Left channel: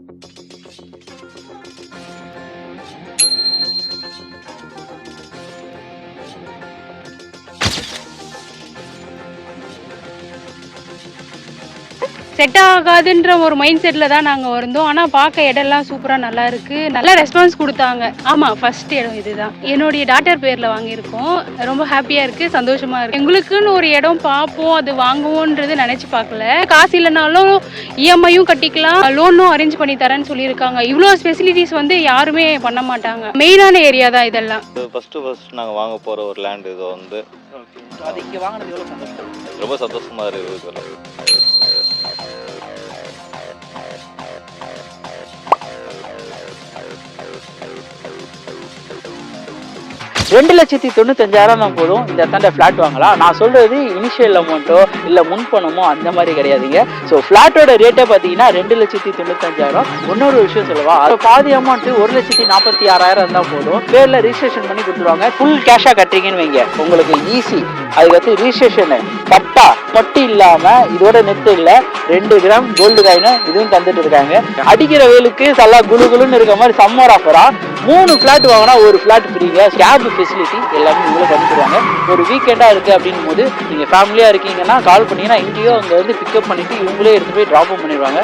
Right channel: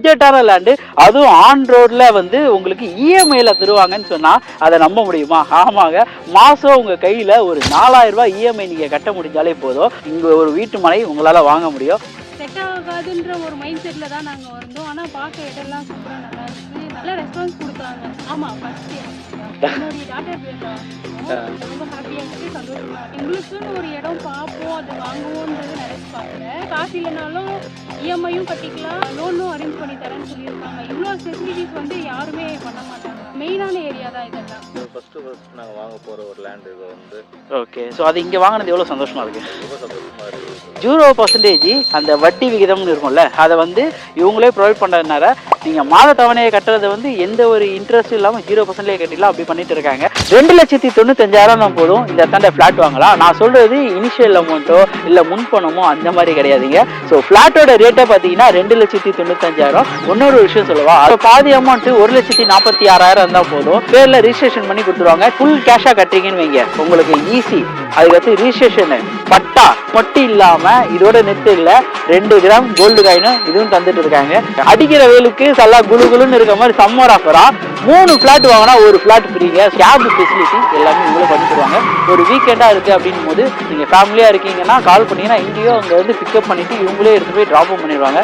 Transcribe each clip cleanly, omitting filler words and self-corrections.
பட்ஜெட்டான land, அதுவும் on ரோட்ல வந்து உங்களுக்கு இஎம்ஐல தருவாங்கன்னு சொன்னா அதை நம்ப முடியுமா? ஆமாங்க, மாசம் உங்க கையில ஒரு 4000 ரூபாய் இஎம்ஐ நீங்க கட்ட முடிஞ்சாலே போதும், உங்க ஒரு வீட்டு மனை உங்களால வாங்க முடியும். செட் ஆகாதுன்ற ஒரு மைண்ட் செட்ல தான் நாங்க வந்தோம். ஆனா பார்க்க இடம்லாம் சூப்பரா நல்லா இருக்கு. நல்ல ரெஸ்பான்ஸ் கொடுத்தாங்க. ஆமா, ஃபர்ஸ்ட் இடம் இதுதான். என்னுடைய டாட்டர் பேர்ல வாங்கியிருக்கோம். ரொம்ப ஹாப்பியா இருக்கு, சந்தோஷமா இருக்கு. எங்களுக்குன்னு ஒரு இடம் பார்ப்போம், அது வாங்குவோன்றது நினைச்சு பார்க்கல. காசு இல்லைனாலும் இஎம்ஐயும் கட்டிக்கலாம், லோனும் அரேஞ்ச் பண்ணி தரேன்னு சொல்லியிருக்காங்க. இவ்வளோ ஃபெசிலிட்டிஸ் வந்து யாருமே பண்ண மாட்டாங்க. மெயினான ஏரியா தான் இதெல்லாம். ஃபர்ஸ்ட் நாங்கள் வாங்க போகிற ஒரு லேண்ட் இது வந்து. ஓகே, ஸோ அது இங்கே வாங்கினது எவ்வளோ சந்தோஷமா இருக்கு? ரொம்ப சந்தோஷமா இருக்குது. 0% அந்த வட்டி விகிதம்னு இருக்கும்ல, அதை வந்து இவங்களே ப்ரொவைட் பண்ணுறதுனால நீங்கள் மாத தவணையை கட்டுறது வந்து எந்த ஒரு இன்ட்ரெஸ்ட் இல்லாமல் 0% கட்டிடலாம், அப்படி பண்ணிட்டு இருக்காங்க. 2,95,000 தான் போதும் இந்த இடத்தாண்ட ஃப்ளாட் வாங்கலாம். நான் சொல்றது இனிஷியல் அமௌண்ட்டோ இல்லை முன்பணமோ அந்த மாதிரி கிடையாதுங்க. ஸோ ஃப்ளாட்டோட ரேட்டை பார்த்தீங்கன்னா 2,95,000. இன்னொரு விஷயம் சொல்லவா, அது பாதி அமௌண்ட்டு 1,46,000 தான் போதும். பேரில் ரிஜிஸ்ட்ரேஷன் பண்ணி கொடுத்துருவாங்க. ஃபுல் கேஷாக கட்டுறீங்கன்னு வைங்க, உங்களுக்கு ஈஸி. அதுக்கடுத்து ரிஜிஸ்ட்ரேஷனு பட்டா பட்டி இல்லாமல் இதோட நிறுத்த இல்லை, 2 கிராம் கோல்டு காயின் இதுவும் தந்துட்டு இருக்காங்க. அடிக்கிற வேலுக்கு நல்லா குழுகுலுன்னு இருக்க மாதிரி சம்மர் ஆஃபரா 3 ஃபிளாட் வாங்கினா ஒரு ஃபிளாட் ஃப்ரீங்க. கேப் ஃபெசிலிட்டி எல்லாமே இவங்களே பண்ணிடுவாங்க. ஒரு வீக்கெண்டாக இருக்குது அப்படின்னும் போது நீங்கள் ஃபேமிலியாக இருக்கீங்கன்னா கால் பண்ணிங்கன்னா இங்கேயோ அங்கே வந்து பிக்கப் பண்ணிவிட்டு இவங்களே எடுத்து போய் ட்ராப் பண்ணிடுவாங்க.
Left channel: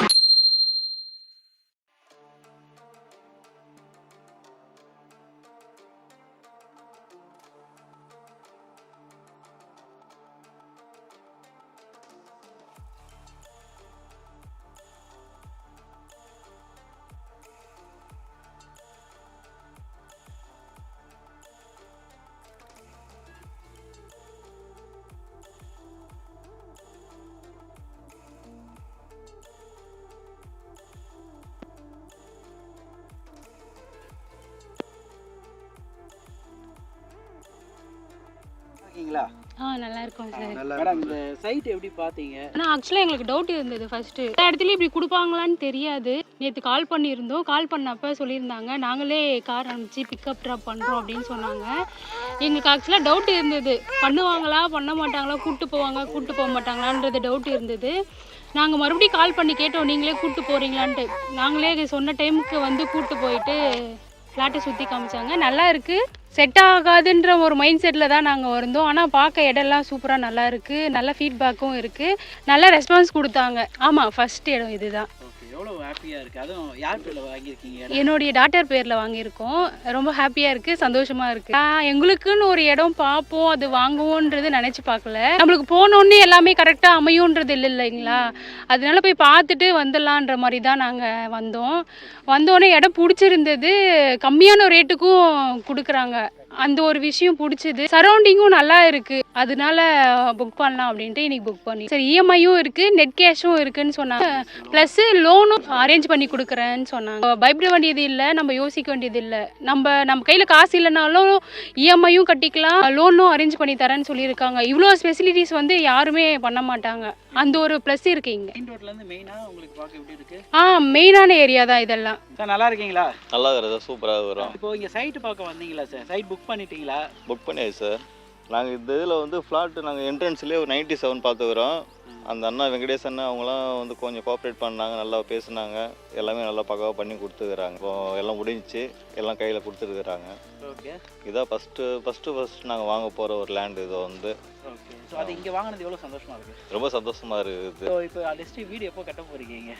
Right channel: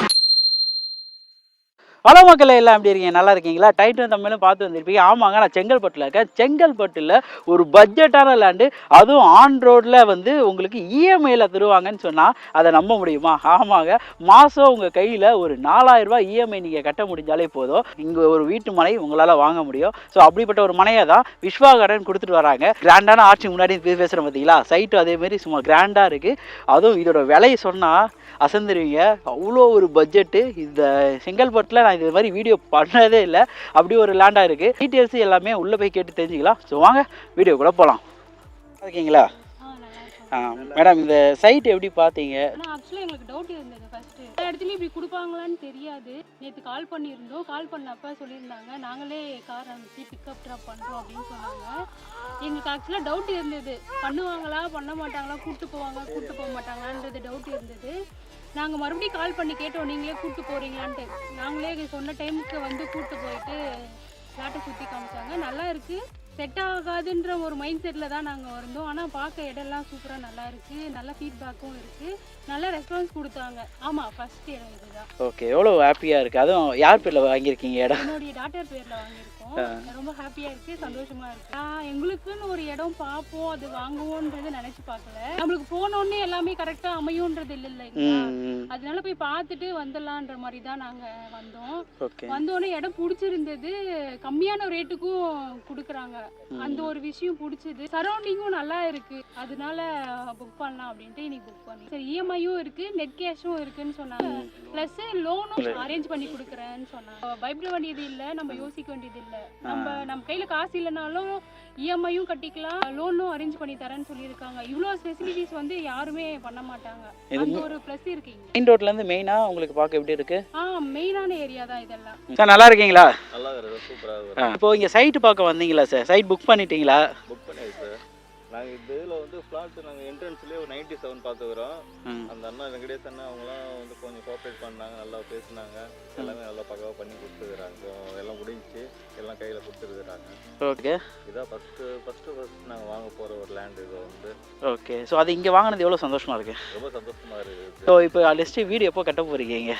ஹலோ மக்களே, எல்லாம் எப்படி இருக்கீங்க? நல்லா இருக்கீங்களா? டைட்டன் தமிழும் பார்த்து வந்திருப்பீங்க. ஆமாங்க, நான் செங்கல்பட்டில் இருக்கேன். செங்கல்பட்டில் ஒரு பட்ஜெட்டான லேண்டு, அதுவும் ஆன் ரோடில் வந்து உங்களுக்கு இஎம்ஐயில் தருவாங்கன்னு சொன்னால் அதை நம்ப முடியுமா? ஆமாங்க, மாதம் உங்கள் கையில் ஒரு 4000 ரூபாய் இஎம்ஐ நீங்கள் கட்ட முடிஞ்சாலே போதும், இங்கே ஒரு வீட்டு மனை உங்களால் வாங்க முடியும். ஸோ அப்படிப்பட்ட ஒரு மனையை தான் விஸ்வா கார்டன் கொடுத்துட்டு வராங்க. கிராண்டான ஆட்சி முன்னாடி பேசுகிறேன் பார்த்தீங்களா, சைட்டு அதேமாரி சும்மா கிராண்டாக இருக்குது. அதுவும் இதோட விலையை சொன்னால் அசந்துருவீங்க, அவ்வளோ ஒரு பட்ஜெட்டு. இந்த செங்கல்பட்டில் நான் இது மாதிரி வீடியோ பண்ணதே இல்லை, அப்படி ஒரு லேண்டாக இருக்குது. டீட்டெயில்ஸ் எல்லாமே உள்ளே போய் கேட்டு தெரிஞ்சுக்கலாம். ஸோ வாங்க வீடியோ கூட போகலாம். இருக்கீங்களா? நல்லா இருக்கும் மேடம், இந்த சைட் எப்படி பார்த்தீங்க? ஆனால் ஆக்சுவலாக எங்களுக்கு டவுட் இருந்தது. ஃபர்ஸ்ட் எல்லா இடத்துலையும் இப்படி கொடுப்பாங்களான்னு தெரியாது. நேற்று கால் பண்ணியிருந்தோம். கால் பண்ணப்போ சொல்லியிருந்தாங்க நாங்களே கார் அனுப்பிச்சு பிக்கப் ட்ராப் பண்ணுறோம் அப்படின்னு சொன்னாங்க. எங்களுக்கு ஆக்சுவலாக டவுட் இருந்தது, பண்ணுவாங்களா பண்ண மாட்டாங்களா, கூப்பிட்டு போவாங்க கூப்பிட்டு போக மாட்டாங்களான்றது டவுட் இருந்தது. நாங்கள் மறுபடியும் கால் பண்ணி கேட்டோம், நீங்களே கூப்பிட்டு போகிறீங்களான்ட்டு. நாங்களே சொன்ன டைமுக்கு வந்து கூப்பிட்டு போயிட்டு ஃப்ளாட்டை சுற்றி காமிச்சாங்க. நல்லா இருக்குது. செட் ஆகாதுன்ற ஒரு மைண்ட் செட்டில் தான் நாங்கள் வந்தோம். ஆனால் பார்க்க இடம்லாம் சூப்பராக நல்லா இருக்குது. நல்ல ஃபீட்பேக்கும் இருக்குது. நல்ல ரெஸ்பான்ஸ் கொடுத்தாங்க. ஆமாம், ஃபர்ஸ்ட் இடம் இதுதான். ஓகே, எவ்வளோ ஹாப்பியாக இருக்குது. அதுவும் யார் பேரில் வாங்கியிருக்கீங்க இடம்? என்னுடைய டாட்டர் பேரில் வாங்கியிருக்கோம். ரொம்ப ஹாப்பியாக இருக்குது, சந்தோஷமாக இருக்குது. எங்களுக்குன்னு ஒரு இடம் பார்ப்போம், அது வாங்குவோன்றது நினச்சி பார்க்கல. நம்மளுக்கு போனோன்னே எல்லாமே கரெக்டாக அமையோன்றது இல்லைங்களா, அதனால போய் பார்த்துட்டு வந்துடலான்ற மாதிரி தான் நாங்கள் வந்தோம். வந்தோடனே இடம் பிடிச்சிருந்தது, கம்மியான ரேட்டுக்கும் கொடுக்குறாங்க. அந்த ஒரு விஷயம் பிடிச்சது. சரௌண்டிங்கும் நல்லா இருக்கு, அதனால புக் பண்ணலாம் அப்படின்ட்டு இன்னைக்கு புக் பண்ணி. சரி, இஎம்ஐயும் இருக்கு, நெட் கேஷும் இருக்குன்னு சொன்னாங்க. பிளஸ் லோனும் அரேஞ்ச் பண்ணி கொடுக்குறேன்னு சொன்னாங்க. பயப்பட வேண்டியது இல்லை, நம்ம யோசிக்க வேண்டியது இல்லை. நம்ம கையில காசு இல்லைனாலும் இஎம்ஐயும் கட்டிக்கலாம், லோனும் அரேஞ்ச் பண்ணி தரேன்னு சொல்லியிருக்காங்க. இவ்வளோ ஃபெசிலிட்டிஸ் வந்து யாருமே பண்ண மாட்டாங்க. அந்த ஒரு பிளஸ் இருக்கு இங்க. மெயின் ரோட்ல இருந்து மெயினா உங்களுக்கு பார்க்க எப்படி இருக்கு? மெயினான ஏரியா தான் இதெல்லாம். சார் நல்லா இருக்கீங்களா? நல்லா இருக்குது, சூப்பராக வரும். இப்போ இங்கே சைட்டு பார்க்க வந்தீங்களா சார்? சைட் புக் பண்ணிட்டீங்களா? புக் பண்ணியாச்சு சார். நாங்கள் இந்த இதில் வந்து ஃப்ளாட்டு நாங்கள் என்ட்ரன்ஸ்லேயே ஒரு 97 பார்த்துக்கிறோம். அந்த அண்ணா வெங்கடேஷ் அண்ணா அவங்களாம் வந்து கொஞ்சம் கோஆப்ரேட் பண்ணாங்க, நல்லா பேசுனாங்க, எல்லாமே நல்லா பக்காவாக பண்ணி கொடுத்துருக்குறாங்க. இப்போ எல்லாம் முடிஞ்சிச்சு, எல்லாம் கையில் கொடுத்துருக்குறாங்க. ஓகே, இதான் ஃபஸ்ட்டு நாங்கள் வாங்க போகிற ஒரு லேண்ட் இது வந்து. ஓகே, ஸோ அது இங்கே வாங்கினது எவ்வளோ சந்தோஷமாக இருக்குது? ரொம்ப சந்தோஷமாக இருக்குது. ஸோ இப்போ லிஸ்ட்டு வீடு எப்போ கட்ட போகிறீங்க?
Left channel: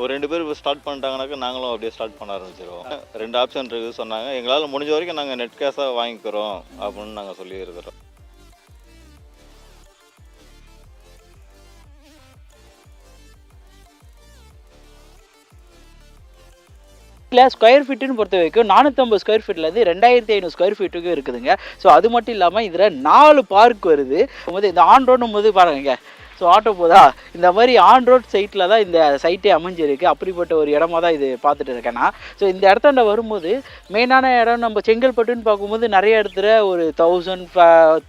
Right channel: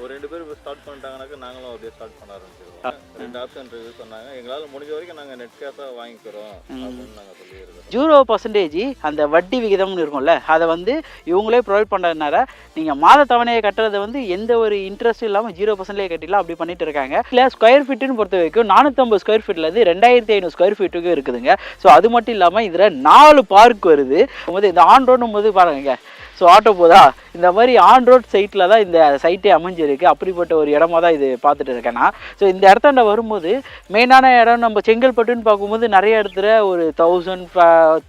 ஒரு 2 பேர் இப்போ ஸ்டார்ட் பண்ணிட்டாங்கனாக்கா நாங்களும் அப்படியே ஸ்டார்ட் பண்ண ஆரம்பிச்சிடுவோம். 2 ஆப்ஷன் இருக்குது சொன்னாங்க. எங்களால் முடிஞ்ச வரைக்கும் நாங்கள் நெட் கேஷாக வாங்கிக்கிறோம் அப்படின்னு நாங்கள் சொல்லியிருக்கிறோம். 0% அந்த வட்டி விகிதம்னு இருக்கும்ல, அதை வந்து இவங்களே ப்ரொவைட் பண்ணுறதுனால நீங்கள் மாத தவணையை கட்டுறது வந்து எந்த ஒரு இன்ட்ரெஸ்ட் இல்லாமல் 0% கட்டிடலாம், அப்படி பண்ணிட்டு இருக்காங்க. இல்லை, ஸ்கொயர் ஃபீட்டுன்னு பொறுத்த வரைக்கும் 450 ஸ்கொயர் ஃபீட்லேருந்து 2500 ஸ்கொயர் ஃபீட்டுக்கு இருக்குதுங்க. ஸோ அது மட்டும் இல்லாமல் இதில் 4 பார்க் வருது. இந்த ஆன் ரோடுன்னு போது பாருங்க, ஸோ ஆட்டோ போதா, இந்த மாதிரி ஆன் ரோட் சைட்டில் தான் இந்த சைட்டே அமைஞ்சிருக்கு. அப்படிப்பட்ட ஒரு இடமா தான் இது பார்த்துட்டு இருக்கேன்னா. ஸோ இந்த இடத்தாண்ட வரும்போது மெயினான இடம் நம்ம செங்கல்பட்டுன்னு பார்க்கும்போது நிறைய இடத்துல ஒரு 1000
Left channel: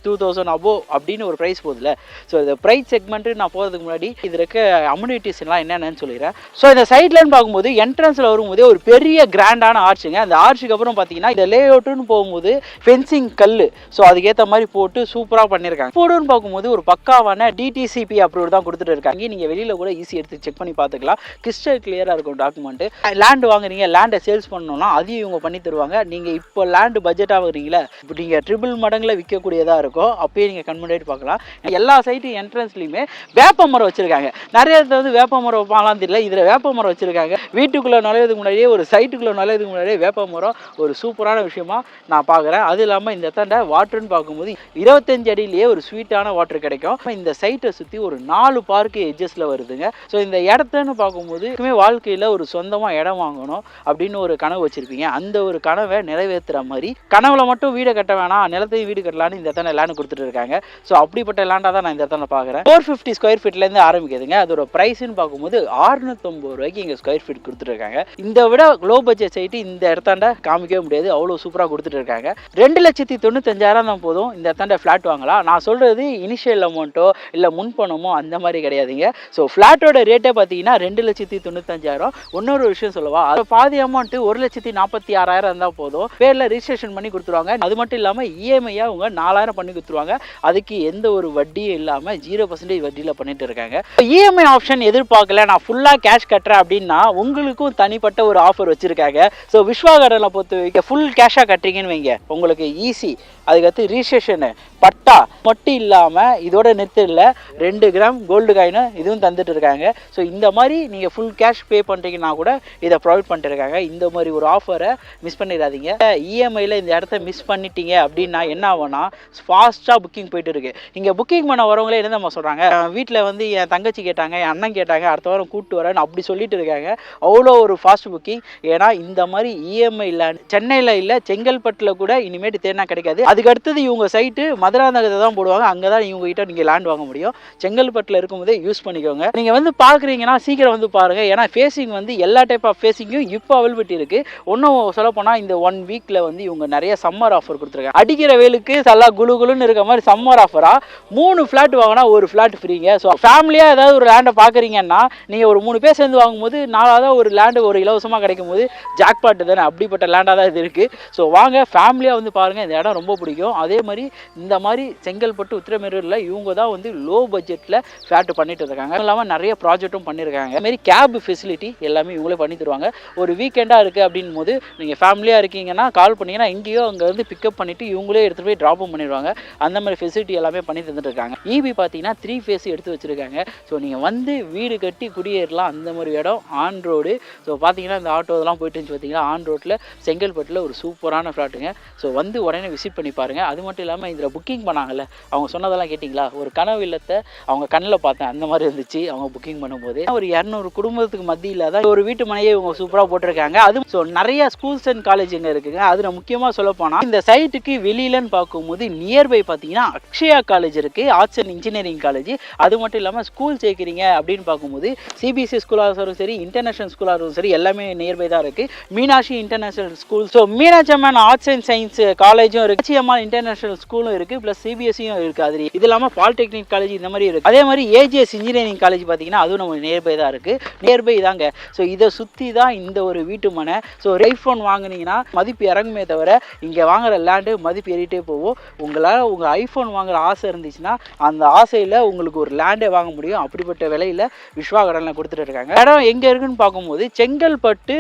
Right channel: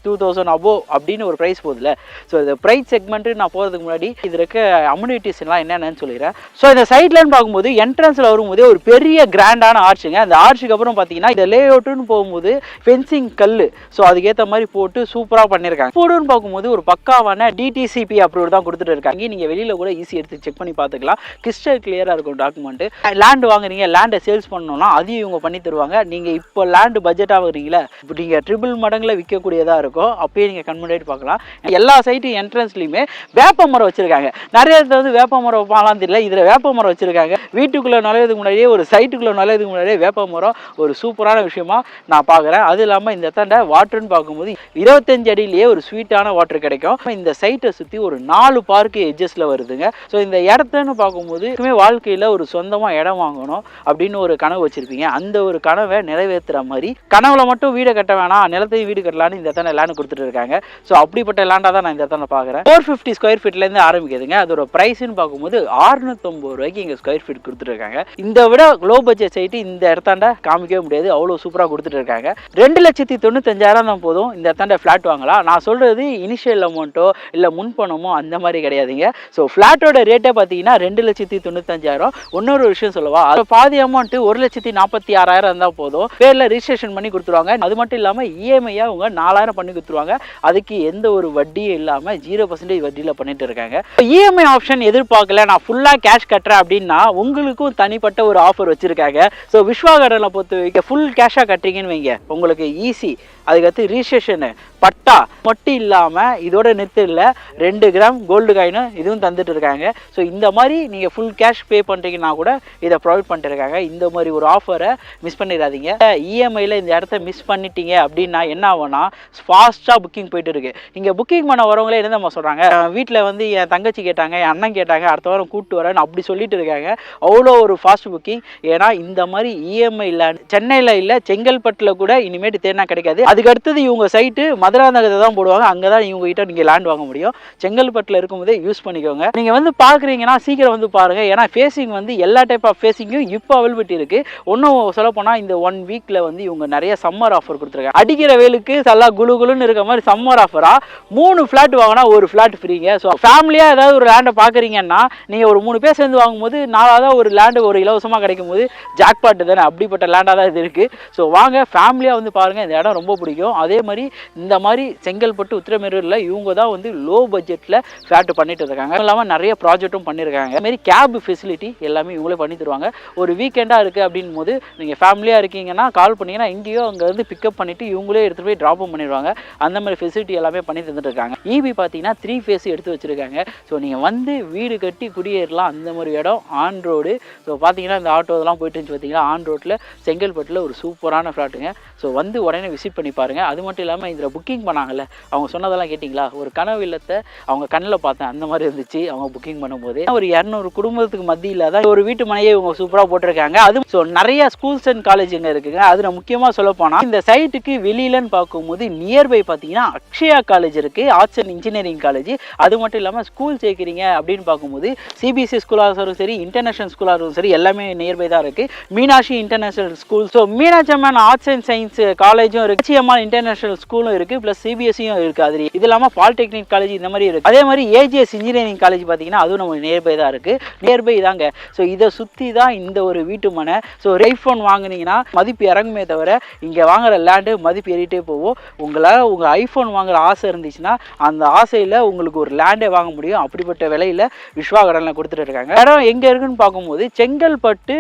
2000 அபோவ் அப்படின்னு ஒரு ப்ரைஸ் போகுதுல்ல. ஸோ இந்த ப்ரைஸ் செக்மெண்ட்டு நான் போகிறதுக்கு முன்னாடி இது இருக்க அம்யூனிட்டிஸ்லாம் என்னென்னு சொல்லிடுறேன். ஸோ இந்த சைட்லன்னு பார்க்கும்போது என்ட்ரன்ஸில் வரும்போதே ஒரு பெரிய கிராண்டான ஆர்ச்சுங்க. அந்த ஆர்ச்சுக்கு அப்புறம் பார்த்தீங்கன்னா இந்த லே அவுட்டுன்னு போகும்போது ஃபென்சிங் கல், ஸோ அதுக்கேற்ற மாதிரி போட்டு சூப்பராக பண்ணியிருக்காங்க. போடுன்னு பார்க்கும்போது ஒரு பக்காவான டிடிசிபி அப்ரூவ் தான் கொடுத்துட்டு இருக்காங்க. நீங்கள் வெளியில் கூட ஈஸி எடுத்து செக் பண்ணி பார்த்துக்கலாம். கிறிஸ்டல் கிளியராக இருக்கும் டாக்குமெண்ட். லேண்ட் வாங்குறீங்க, லேண்டை சேல்ஸ் பண்ணணும்னா அதையும் இவங்க பண்ணி தருவாங்க. நீங்கள் இப்போ லேண்டு பட்ஜெட் ஆகுறீங்களா, இப்போ நீங்கள் ட்ரிபிள் மடங்கில் விற்கக்கூடியதாக இருக்கும். அப்பயே நீங்கள் கன்வெர்ட் பார்க்கலாம். எல்லா சைட்டு என்ட்ரன்ஸ்லையுமே வேப்ப மரம் வச்சுருக்காங்க. நிறைய இடத்துல வந்து வேப்ப மரம் வைப்பாங்களான்னு தெரியல, இதில் வேப்ப மரம் வச்சுருக்காங்க. வீட்டுக்குள்ளே நுழையதுக்கு முன்னாடியே, ஒரு சைட்டுக்குள்ளே நுழையதுக்கு முன்னாடியே வேப்ப மரம் ஒரு சூப்பரான விஷயமா நான் பார்க்குறேன். அது இல்லாமல் இந்த இடத்தாண்ட வாட்டர்னு பார்க்கும்போது 25 அடியிலேயே ஒரு ஸ்வீட்டான வாட்டர் கிடைக்கும். இந்த சைட்டை சுற்றி ஒரு 4 பார்க்கு எட்ஜஸில் வருதுங்க. ஸோ இந்த இடத்துன்னு பார்க்கும்போது வாழ்க்கையில் ஒரு சொந்தமாக இடம் வாங்கணும் அப்படின்னு ஒரு கனவு வச்சுருப்பீங்க. அந்த ஒரு கனவை நிறைவேற்றுற மாதிரி, கனவுல மட்டும் வீடை கட்ட வேணாம், நிலத்தையும் வீடு கட்டலான்னு இந்த இடத்துல லேண்ட் கொடுத்துட்டு இருக்காங்க. ஸோ அப்படிப்பட்ட லேண்டாக தான் நான் இந்த இடத்துல பார்க்குறேன். 450 ஸ்கொயர் ஃபீட்லேருந்து ஆரம்பிக்குதுங்க. அதோட ப்ரைஸ்ன்னு பார்க்கும்போது 650 ரூபாய்க்கு இங்கே ஸ்கொயர் ஃபீட் கொடுத்துருக்காங்க. இந்த விட லோ பட்ஜெட் சைட்டு இந்த இடத்தாண்ட காமிக்கவே முடியாது, அவ்வளோ சூப்பராக கொடுத்துட்டு இருக்காங்க. 2,95,000 தான் போதும் இந்த இடத்தாண்ட ஃப்ளாட் வாங்கலாம். நான் சொல்கிறது இனிஷியல் அமௌண்ட்டோ இல்லை முன்பணமோ அந்த மாதிரி கிடையாதுங்க. ஸோ ஃப்ளாட்டோட ரேட்டே பார்த்தீங்கன்னா 2,95,000. இன்னொரு விஷயம் சொல்லவா, அது பாதி அமௌண்ட்டு 1,46,000 இருந்தால் போதும், பேரில் ரிஜிஸ்ட்ரேஷன் பண்ணி கொடுத்துருவாங்க. அது மட்டும் இல்லாமல் இஎம்ஐயாக அவங்க 4,000 பண்ணி கொடுத்துருவாங்க. அதுக்கு எந்த ஒரு வட்டியும் இல்லாமல் 0% வட்டியில் பண்ணிட்டு இருக்காங்க. இஎம்ஐ ஆப்ஷன் எதிர்பார்க்கல, நான் ஃபுல்லாக கேஷ் கட்டுறேன் அப்படின்னா உங்களுக்கும் தனிப்பட்ட ஒரு ஆஃபர் வச்சுருக்காங்க. ஸோ விஸ்வா கார்டனில் பொறுத்த வரைக்கும் ஃபுல் கேஷாக கட்டுறீங்கன்னு வைங்க, உங்களுக்கு ஈஸி. அதுக்கடுத்து ரிஜிஸ்ட்ரேஷனு, பட்டா மட்டும் இல்லாமல் இதோட நெத்தில் 2 கிராம் கோல்டு காயின் இதுவும் தந்துட்டு இருக்காங்க. ஸோ இந்த மாதிரி நீங்கள் ஃபுல் கேஷ் பே பண்ணுறீங்கன்னா கூட இதை ப்ரொவைட் பண்ணிட்டு இருக்காங்க. இந்த மாதிரி ஒரு ஆஃபரை மிஸ் பண்ணிடாதீங்க. இஎம்ஐயில் இந்த இடத்த மிஸ் பண்ணிட்டீங்க அப்படின்னா என்ன ஆகும்னா, ஃபாஸ்ட்டாக புக்கிங் போயிட்டு இருக்கு. இங்கே புக்கிங் பண்ண வரவங்களே என்ன நம்ம சொல்கிறாங்க, வீட்டில் வந்து என் தங்கச்சி கேட்டாங்க, என் அண்ணன் கேட்டாங்க, அடுத்த வாரம் கூப்பிட்டு வரேன்னு அப்படி சொல்லிட்டு இருக்காங்க. அவ்வளோ ஒரு ஃபாஸ்ட் புக்கிங். ஏன்னா இந்த மாதிரி இஎம்ஐ இல்லை, சென்னையில் இல்லை, செங்கல்பட்டில் கூட இனிமேட்டு தேடினா கிடைக்காது. அதுக்கு அடுத்தது இவங்க சைட்டு மதுராந்தகத்தை தான் போடுவாங்க. அங்கே தான் இவங்க கிட்ட நீங்கள் லேண்ட் வாங்க முடியும். செங்கல்பட்டில் இருக்கும்போதே யூஸ் பண்ணிக்கோங்க. நீங்கள் வந்து பார்க்குறீங்கன்னா சீக்கிரம் வந்து பாருங்கள். ஏன்னா ஃபேஸிங் வந்து எல்லா டைப் ஆஃப் ஃபேஸிங்கும் இப்போ அவைலபிலிட்டி இருக்குது. ஒன்றும் சொல்லப்போனால் இந்த 1 வீக்கில் வந்து இவங்க நிறைய சம்மர் ஆஃபர் கொடுத்துருக்காங்க. அடிக்கிற வேலுக்கு நல்லா குழுகுலுன்னு இருக்க மாதிரி சம்மர் ஆஃபராக 3 ஃப்ளாட் வாங்கினா 1 ஃப்ளாட் ஃப்ரீங்க. ஸோ ஃபேமிலியாக ஏதாவது ஒரு லேண்டை பார்க்குறீங்கன்னா நீங்கள் ஒரு 3 பேர் சேர்ந்து வாங்கும்போது 4வது ஒரு லேண்டு ஒரு இலவசமாக கிடைக்கும் போது ஜாக்பாட்டு தானே, அப்படிப்பட்ட லேண்டாக தான் இது இருக்குது. ஸோ வாங்க ஃபேமிலியாக வந்து பாருங்கள், இந்த இடம் ரொம்ப பிடிக்கும். அதே மாதிரி இந்த மாதிரி செங்கல்பட்டு உத்திரமேரூரில் இவங்க தான் வந்து லோ பட்ஜெட்டில் ஃப்ளாட் பண்ணிட்டு இருக்காங்க. இல்லாமல் நிறைய ப்ராஜெக்ட்டும் பண்ணியிருக்காங்க. அதுமாரி கேப் ஃபெசிலிட்டி எல்லாமே இவங்களே பண்ணி தருவாங்க. ஒரு வீக்கெண்டாக இருக்குது அப்படின் போது நீங்கள் ஃபேமிலியாக இருக்கீங்கன்னா கால் பண்ணிங்கன்னா இங்கேயோ அங்கே வந்து பிக்கப் பண்ணிவிட்டு இவங்களே எடுத்துகிட்டு போய் ட்ராப்பும் பண்ணிடுவாங்க. அந்த மாதிரி ஃபெசிலிட்டி எல்லாமே பண்ணி தந்துட்டு இருக்காங்க. இபி பார்த்தீங்கன்னா 3 ஃபேஸ் எடுத்து வச்சுருக்காங்க. ஸோ நீங்கள் வந்து வீடு கட்டி குடியேறலாம், அந்த மாதிரி இடம். On road. ஸோ பார்த்தீங்கன்னா இந்த ஆட்டோ இதெல்லாம் போயிட்டு இருந்துச்சு பார்த்தீங்கன்னா, ஆன் ரோட்டில் செங்கல்பட்டில் ஒரு சூப்பரான ஃப்ளாட்டுங்க. ஸோ வந்து உடனே விசிட் பண்ணி பாருங்கள். அது மட்டும் இல்லாமல் இதில் புக்கிங் பண்ணாங்கல்ல, அவங்க சொன்னதெல்லாம் கேட்டிங்களா, ஒரு கனவு இல்லத்தை அவங்க கண்ணில் பார்த்தேன், அந்த மாதிரி இருந்துச்சு அவங்க புக்கிங் பண்ணும்போது. ஒரு 200 குடும்பத்துக்கு மத்தியில் தான் ஒரு வீட்டு மனையை இவங்க சூப்பராக போட்டிருக்காங்க. அது ஸோ நிறைய ஸ்கூல்ஸ் அண்ட் காலேஜுங்க இருக்குங்க. அதில் முக்கியமாக சொல்ல போனால் இந்த சைட்டுக்கு வெளியிலன்னு பார்க்கும்போது நியர்பை பார்த்தீங்கன்னா அக்ஷயா காலேஜ் இருக்குது, ஆர்ட்ஸ் அண்ட் இன்ஜினியரிங் காலேஜ். அது மட்டும் இல்லாமல் ஸ்கூல் சேர்க்குறீங்க அப்படின்னு பார்க்கும்போது சிபிஎஸ்சி ஸ்கூலாக இருந்தாலும் சரி, இன்டர்நேஷனல் ஸ்கூலாக இருந்தாலும் சரி, எல்லாமே நியர்பை தான் இருக்குது. Meenakshi international school, so Meenakshi Amman arts and science காலேஜும் இருக்குது, அம்மாள் இன்டர்நேஷனல் ஸ்கூலும் இருக்குது, ப்ளஸ் சிபிஎஸ்சியும் இருக்குது. அது இது இல்லாமல் பாலிடெக்னிக் காலேஜ் இந்த மாதிரி இருக்குது. அதே மாதிரி ஏஜிஎஸ் இன்ஜினியரிங் காலேஜ் பார்த்தீங்கன்னா அதுவும் நம்ம நியர்பை தான் இருக்குது. நியர்பை தாங்க. ஸோ இதை சுற்றி தான் இந்த ஒரு வீட்டு மனை. ஸோ ஐஃபோன் வாங்கினீங்கன்னா மதிப்பு இறங்குமே தவிர இங்கே வாங்குற லேண்டு மதிப்பு ஏறிட்டே போகும். உங்களால் உங்கள் ஐஃபோன் வாங்குற ஆசை இருந்துச்சுன்னா அந்த ஆசையில் உங்களுக்கு ஒரு லேண்டே வாங்க முடியும். அப்படிப்பட்ட விலையில் விஸ்வா கடனில் கொடுத்துட்டு இருக்காங்க. இடம் எங்கே இருக்குன்னு பார்க்கும்போது செங்கல்பட்டு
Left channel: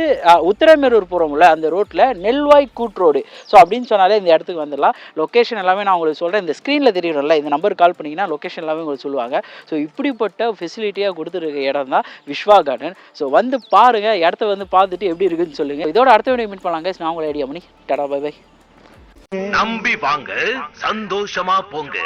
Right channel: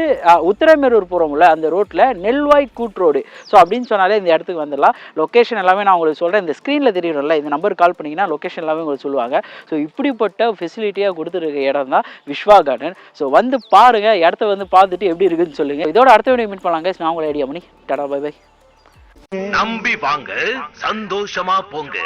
உத்திரமேரூர் போகிறோம்ல அந்த ரோட்டில் நெல்வாய் கூட்ரோடு. ஸோ அப்படின்னு சொன்னாலே இந்த இடத்துக்கு வந்துடலாம். லொக்கேஷன் எல்லாமே நான் உங்களுக்கு சொல்கிறேன். இந்த ஸ்க்ரீனில் தெரியணும்ல, இந்த நம்பர் கால் பண்ணிங்கன்னா லொக்கேஷன் எல்லாமே உங்களுக்கு சொல்லுவாங்க. ஸோ இப்படிப்பட்ட ஃபெசிலிட்டியாக கொடுத்துருக்க இடம் தான் விஸ்வா கார்டன். ஸோ வந்து பாருங்கள், இடத்த வந்து பார்த்துட்டு எப்படி இருக்குன்னு சொல்லுங்கள். இதோட அடுத்த வீடியோ மீட் பண்ணலாங்க. நான் உங்களை ஐடியா பண்ணி டாடா பை பை. நம்பி வாங்க, சந்தோஷமா போங்க.